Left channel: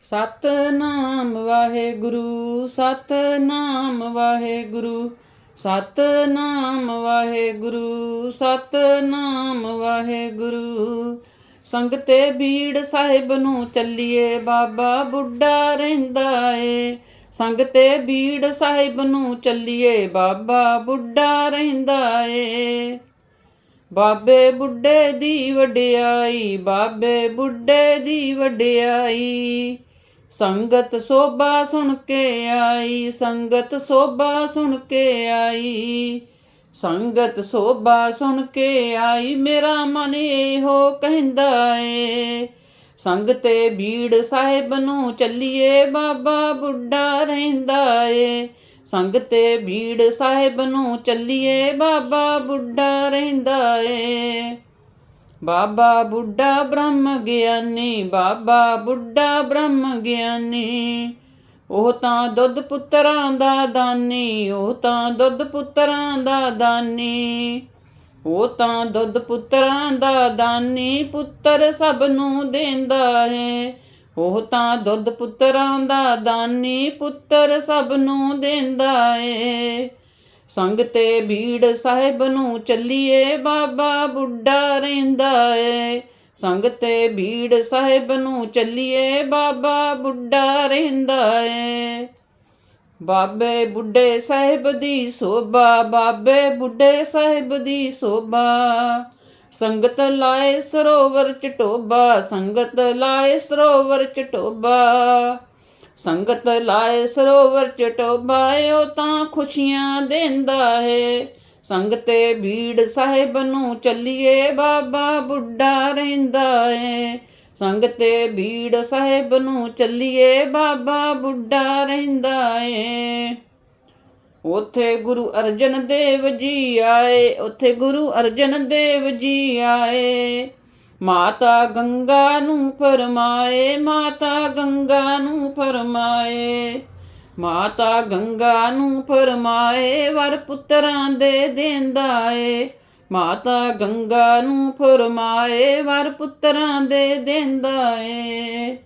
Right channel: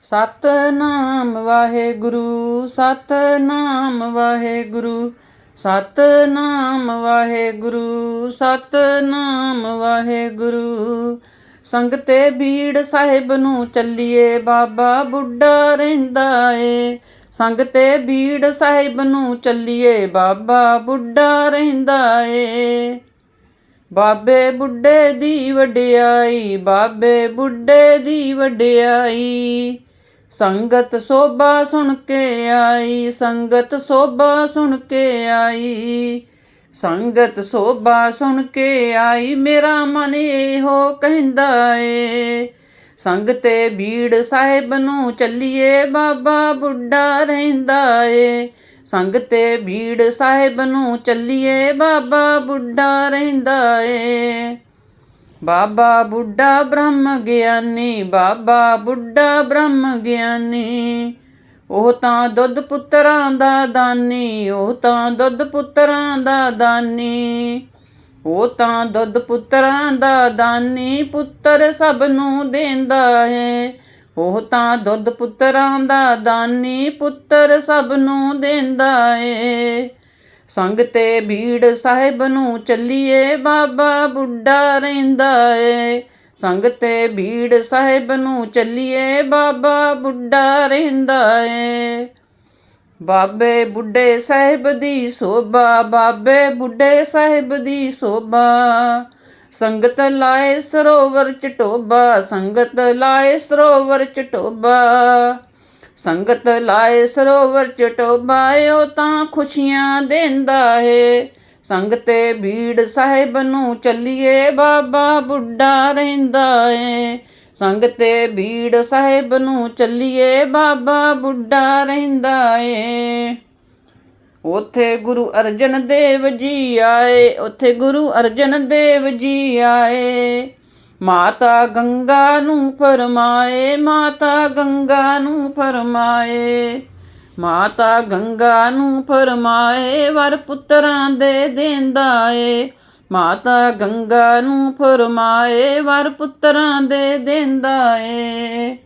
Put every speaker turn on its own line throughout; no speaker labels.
ਸਤਨਾਮ ਵਾਹਿਗੁਰੂ ਸਤਨਾਮ ਵਾਹਿਗੁਰੂ ਸਤਨਾਮ ਵਾਹਿਗੁਰੂ ਸਤਨਾਮ ਵਾਹਿਗੁਰੂ। ਸੰਗਤੇ ਬੀੜ ਸਾਹਿਬ ਨੂੰ ਚੱਲੀਏ, ਬਾਬਾ ਬੁੱਢਾ ਰਹਿੰਦਾ ਏ। ਸੰਗਤੇ ਬੀੜ ਸਾਹਿਬ ਨੂੰ ਚੱਲੀਏ, ਬਾਬਾ ਬੁੱਢਾ ਰਹਿੰਦਾ ਏ। ਬਾਬੇ ਬੁੱਢੇ ਦੀ ਵਡਿਆਈ, ਬਾਬੇ ਬੁੱਢੇ ਦੀ ਵਡਿਆਈ। ਸੰਗਤ ਸੋਭਾ ਸੁਣ ਕੇ ਆਈ, ਸੰਗਤ ਸੋਭਾ ਸੁਣ ਕੇ ਆਈ। ਸੰਗਤ ਸੋਭਾ ਸੁਣ ਕੇ ਆਈ, ਮੇਰਾ ਮਨ ਇਹੋ ਕਹਿੰਦਾ ਏ। ਸੰਗਤੇ ਬੀੜ ਸਾਹਿਬ ਨੂੰ ਚੱਲੀਏ, ਬਾਬਾ ਬੁੱਢਾ ਰਹਿੰਦਾ ਏ। ਸੰਗਤੇ ਬੀੜ ਸਾਹਿਬ ਨੂੰ ਚੱਲੀਏ, ਬਾਬਾ ਬੁੱਢਾ ਰਹਿੰਦਾ ਏ। ਬਾਬਾ ਬੁੱਢਾ ਬ੍ਰਹਮ ਗਿਆਨੀ, ਬਾਬਾ ਬੁੱਢਾ ਬ੍ਰਹਮ ਗਿਆਨੀ। ਉਹ ਤਾਂ ਦੁੱਧ ਪੁੱਤਰਾਂ ਦਾ ਦਾਨੀ, ਉਹ ਤਾਂ ਦੁੱਧ ਪੁੱਤਰਾਂ ਦਾ ਦਾਨੀ। ਉਹ ਤਾਂ ਦੁੱਧ ਪੁੱਤਰਾਂ ਦਾ ਦਾਨੀ, ਪੁੱਤਰ ਸਭ ਨੂੰ ਦਿੰਦਾ ਹੈ। ਉਹ ਤਾਂ ਦੁੱਧ ਪੁੱਤਰਾਂ ਦਾ ਦਾਨੀ, ਪੁੱਤਰ ਸਭ ਨੂੰ ਦਿੰਦਾ ਏ ਸੰਗ ਤੇ ਭੀੜ ਸਾਹਿਬ ਨੂੰ ਚੱਲੀਏ ਬਾਬਾ ਬੁੱਢਾ ਰਹਿੰਦਾ ਏ। ਸੰਗ ਤੇ ਭੀੜ ਸਾਹਿਬ ਨੂੰ ਚੱਲੀਏ ਬਾਬਾ ਬੁੱਢਾ ਰਹਿੰਦਾ ਏ। ਬਾਬੇ ਬੁੱਢੇ ਸਾਹਿਬ ਦੀ ਸੋਭਾ, ਬਾਬੇ ਬੁੱਢੇ ਸਾਹਿਬ ਦੀ ਸੋਭਾ। ਸੰਗਤ ਲਾਏ ਸਰੋਵਰ ਚ ਸੰਗਤ ਲਾਏ ਸਰੋਵਰ ਚਟੋਬਾ ਸੰਗਤ ਲਾਏ ਸਰੋਵਰ ਚ ਟੋਬਾ ਤਾਂ ਖੁਸ਼ੀਆਂ ਦਿੰਦਾ ਏ ਸੰਗਤੇ ਭੀੜ ਸਾਹਿਬ ਨੂੰ ਚੱਲੀਏ ਬਾਬਾ ਬੁੱਢਾ ਰਹਿੰਦਾ ਏ ਸੰਗਤੇ ਭੀੜ ਸਾਹਿਬ ਨੂੰ ਚੱਲੀਏ ਬਾਬਾ ਬੁੱਢਾ ਰਹਿੰਦਾ ਏ ਉਥੇ ਗੁਰੂ ਅਰਜਨ ਦੇਵ ਜੀ ਆਏ, ਉਥੇ ਗੁਰੂ ਅਰਜਨ ਦੇਵ ਜੀ ਆਏ। ਮਾਤਾ ਗੰਗਾ ਨੂੰ ਫਰਮਾਏ, ਮਾਤਾ ਗੰਗਾ ਨੂੰ ਫਰਮਾਏ। ਮਾਤਾ ਗੰਗਾ ਨੂੰ ਫਰਮਾਏ, ਵਰ ਪੁੱਤਰਾਂ ਦੇ ਦੇਂਦਾ ਏ ਮਾਤਾ ਗੰਗਾ ਨੂੰ ਫਰਮਾਏ, ਵਰ ਪੁੱਤਰਾਂ ਦੇ ਦੇਂਦਾ ਏ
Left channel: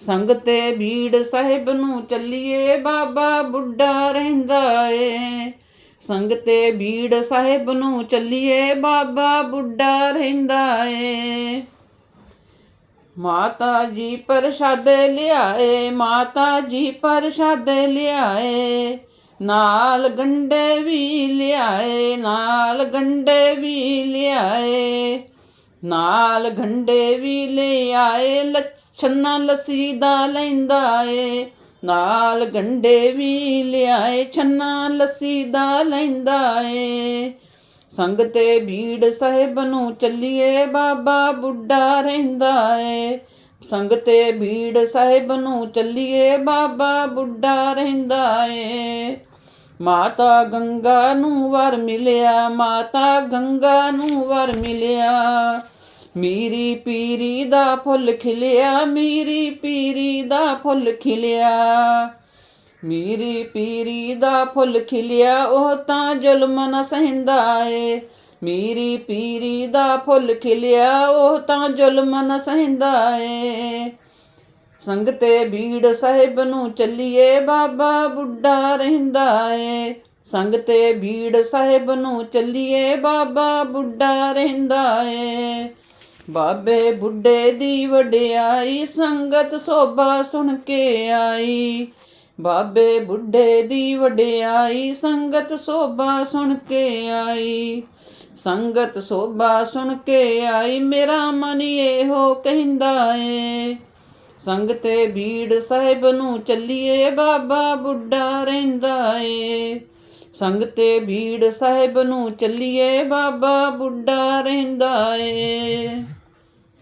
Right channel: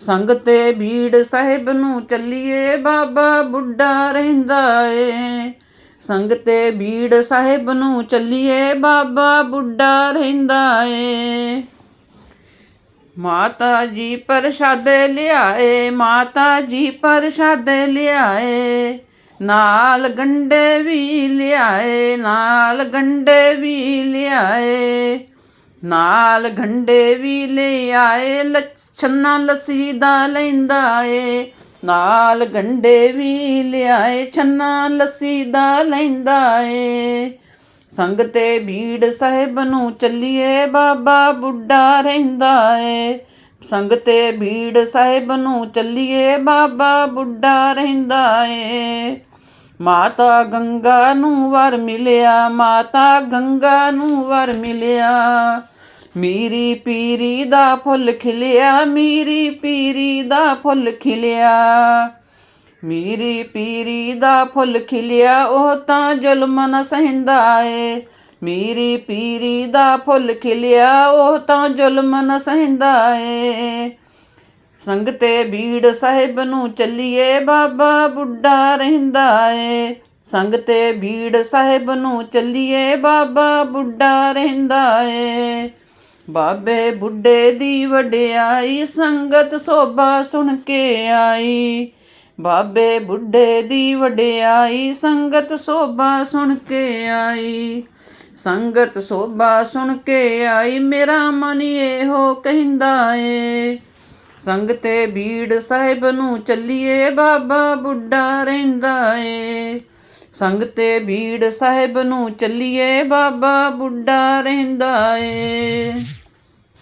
ਸੰਗਤੇ ਭੀੜ ਸਾਹਿਬ ਨੂੰ ਚੱਲੀਏ, ਬਾਬਾ ਬੁੱਢਾ ਰਹਿੰਦਾ ਏ ਸੰਗਤੇ ਬੀੜ ਸਾਹਿਬ ਨੂੰ ਚੱਲੀਏ ਬਾਬਾ ਬੁੱਢਾ ਰਹਿੰਦਾ ਏ। ਮਾਤਾ ਜੀ ਪ੍ਰਸ਼ਾਦੇ ਲਿਆਏ, ਮਾਤਾ ਜੀ ਪ੍ਰਸ਼ਾਦੇ ਲਿਆਏ, ਨਾਲ ਗੰਡੇ ਵੀ ਲਿਆਏ, ਨਾਲ ਗੰਡੇ ਵੀ ਲਿਆਏ, ਨਾਲ ਗੰਡੇ ਵੀ ਲਿਆਏ, ਲੱਛਣਾ ਲੱਸੀ ਦਾ ਲੈਂਦਾ ਏ। ਨਾਲ ਗੰਡੇ ਵੀ ਲਿਆਏ, ਛੰਨਾ ਲੱਸੀ ਦਾ ਲੈਂਦਾ ਏ। ਸੰਗਤੇ ਭੀੜ ਸਾਹਿਬ ਨੂੰ ਚੱਲੀਏ, ਬਾਬਾ ਬੁੱਢਾ ਰਹਿੰਦਾ ਏ। ਸੰਗਤੇ ਭੀੜ ਸਾਹਿਬ ਨੂੰ ਚੱਲੀਏ, ਬਾਬਾ ਬੁੱਢਾ ਰਹਿੰਦਾ ਏ। ਮਾਤਾ ਗੰਗਾ ਨੂੰ ਵਰ ਮਿਲਿਆ, ਮਾਤਾ ਗੰਗਾ ਨੂੰ ਵਰ ਮਿਲਿਆ। ਮੀਰੀ ਪੀਰੀ ਦਾ ਫੁੱਲ ਖਿਲਿਆ, ਮੀਰੀ ਪੀਰੀ ਦਾ ਫੁੱਲ ਖਿਲਿਆ। ਮੀਰੀ ਪੀਰੀ ਦਾ ਫੁੱਲ ਖਿਲਿਆ, ਉਹ ਤਾਂ ਜ਼ੁਲਮ ਨ ਸਹਿੰਦਾ ਏ। ਮੀਰੀ ਪੀਰੀ ਦਾ ਫੁੱਲ ਖਿਲਿਆ, ਉਹ ਤਾਂ ਜ਼ੁਲਮ ਨ ਸਹਿੰਦਾ ਏ। ਸੰਗਤੇ ਬੀੜ ਸਾਹਿਬ ਨੂੰ ਚੱਲੀਏ, ਬਾਬਾ ਬੁੱਢਾ ਰਹਿੰਦਾ ਏ। ਸੰਗਤੇ ਬੀੜ ਸਾਹਿਬ ਨੂੰ ਚੱਲੀਏ, ਬਾਬਾ ਬੁੱਢਾ ਰਹਿੰਦਾ ਏ। ਬਾਬੇ ਬੁੱਢੇ ਦੀ ਵਡਿਆਈ ਸੰਗਤ ਸੋਭਾ ਸੁਣ ਕੇ ਆਈ। ਬਾਬੇ ਬੁੱਢੇ ਦੀ ਵਡਿਆਈ ਸੰਗਤ ਸੋਭਾ ਸੁਣ ਕੇ ਆਈ। ਸੰਗਤ ਸੋਭਾ ਸੁਣ ਕੇ ਆਈ, ਮੇਰਾ ਮਨ ਇਹੋ ਕਹਿੰਦਾ ਏ। ਸੰਗਤੇ ਭੀੜ ਸਾਹਿਬ ਨੂੰ ਚੱਲੀਏ, ਬਾਬਾ ਬੁੱਢਾ ਰਹਿੰਦਾ ਏ। ਸੰਗਤੇ ਭੀੜ ਸਾਹਿਬ ਨੂੰ ਚੱਲੀਏ, ਬਾਬਾ ਬੁੱਢਾ ਰਹਿੰਦਾ ਏ।